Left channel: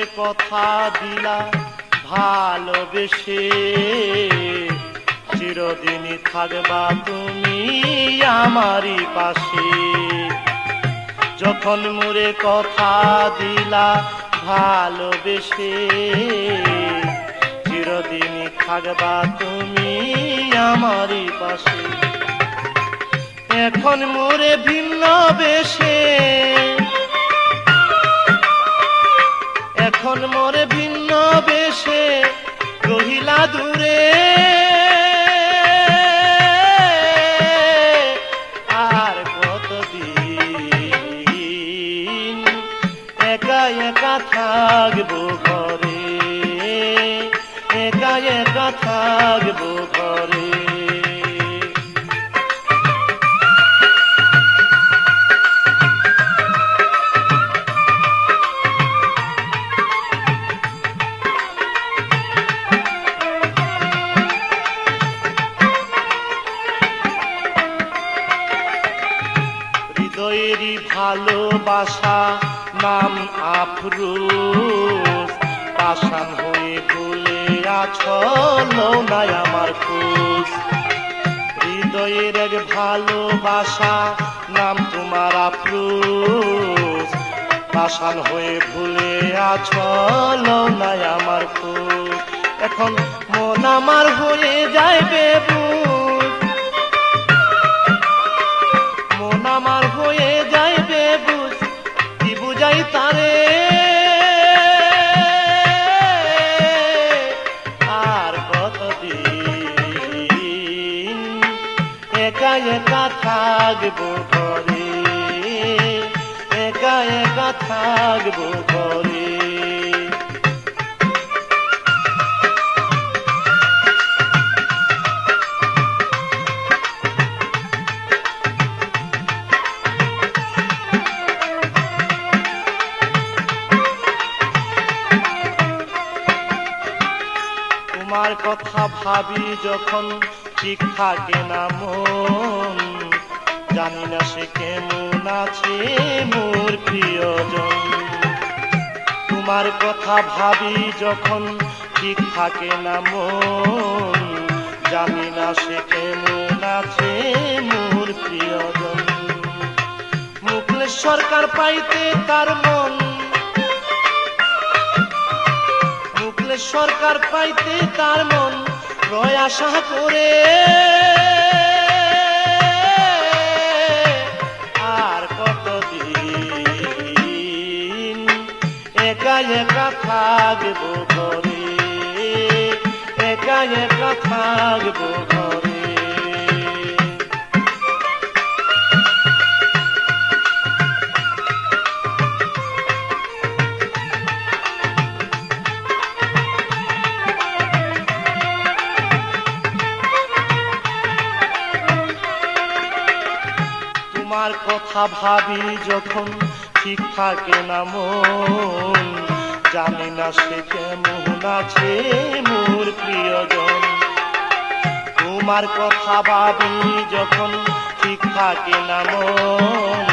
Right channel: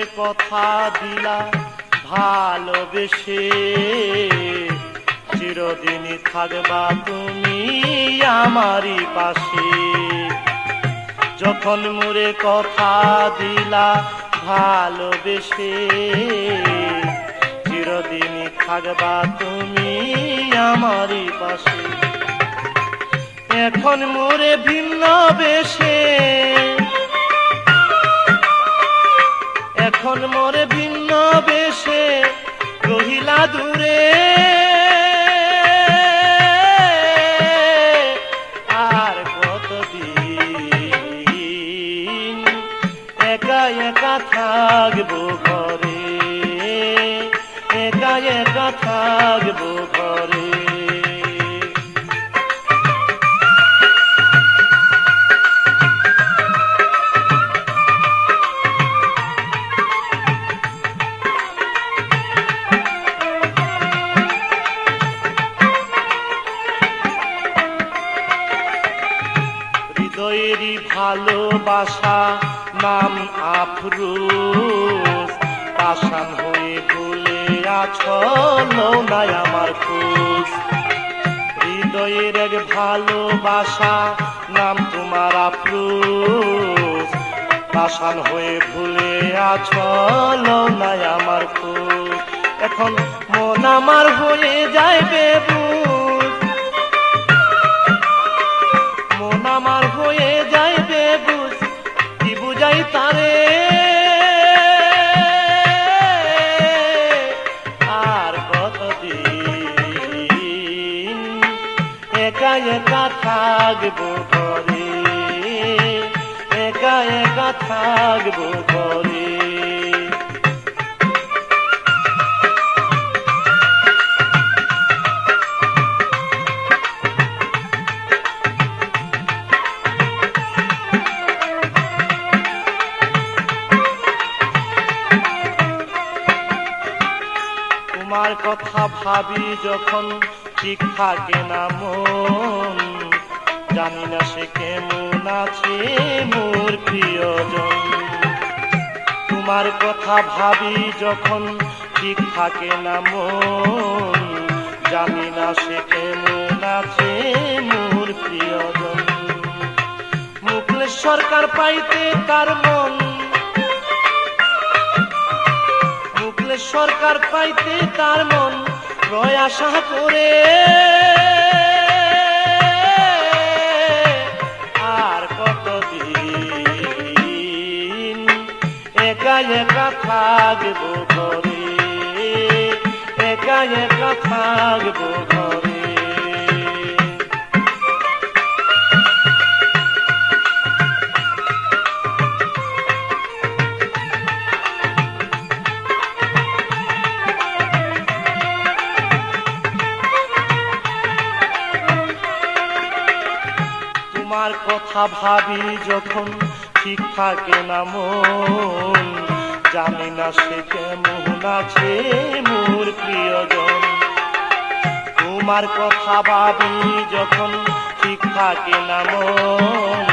মোরে কথা দিলা ভালোবেসে, চিরদিনই থাকবা তুমি আমারই পাশে। যখন মোরে কথা দিলা ভালোবেসে, চিরদিনই থাকবা তুমি আমারই পাশে। এখন মোরে ভিন্ন বেশে, এখন মোরে ভিন্ন বেশে রহিলা দূরে। আর কতদিন একা একা থাকবো ঘরে, একা একা থাকবো ঘরে। হৃদয়েরই ভালোবাসা নাম আফরোজ, পাষাণ হয়ে ভুলে আছো নাই আমার খোঁজ। হৃদয়ের এক ভালোবাসা নাম তোমার আফরোজ, পাষাণ হয়ে ভুলে আছো নাই আমার খোঁজ। এখন মন আমার হয়ে যায় বেবুঝ, মন আমার হয়ে যায় বেবুঝ, কি বুঝাই তারে। আর কতদিন একা একা থাকবো ঘরে, একা একা থাকবো ঘরে। তোমার কথা ভাবি যখন ঠিক থাকে না মন, জানি না সে কেমন আছে মোর প্রিয়জন। তোমার কথা ভাবি যখন ঠিক থাকে না মন, জানি না সে কেমন আছে মোর প্রিয়জন। মুকলেশ সরকার পাইতে তার মন, মুকলেশ সরকার পাইতে তার মন রয় আশা করে। আর কতদিন একা একা থাকবো ঘরে, একা একা থাকবো ঘরে। তোমার কথা ভাবি যখন ঠিক থাকে না মন, জানি না সে কেমন আছে মোর প্রিয়জন। তোমার কথা ভাবি যখন ঠিক থাকে না মন,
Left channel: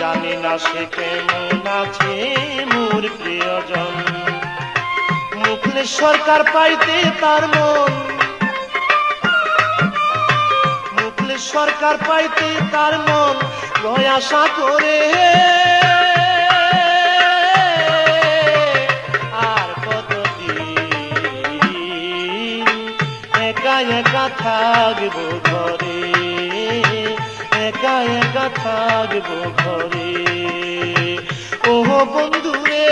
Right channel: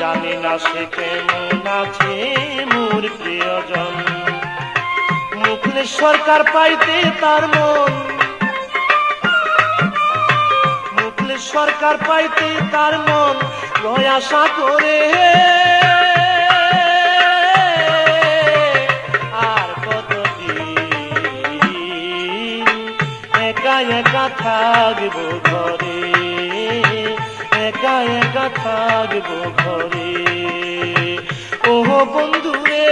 জানি না সে কেমন আছে মোর প্রিয়জন। মুকলেশ সরকার পাইতে তার মন, মুকলেশ সরকার পাইতে তার মন রয় আশা করে। আর কতদিন একা একা থাকবো ঘরে, একা একা থাকবো ঘরে। ও বন্ধুরে।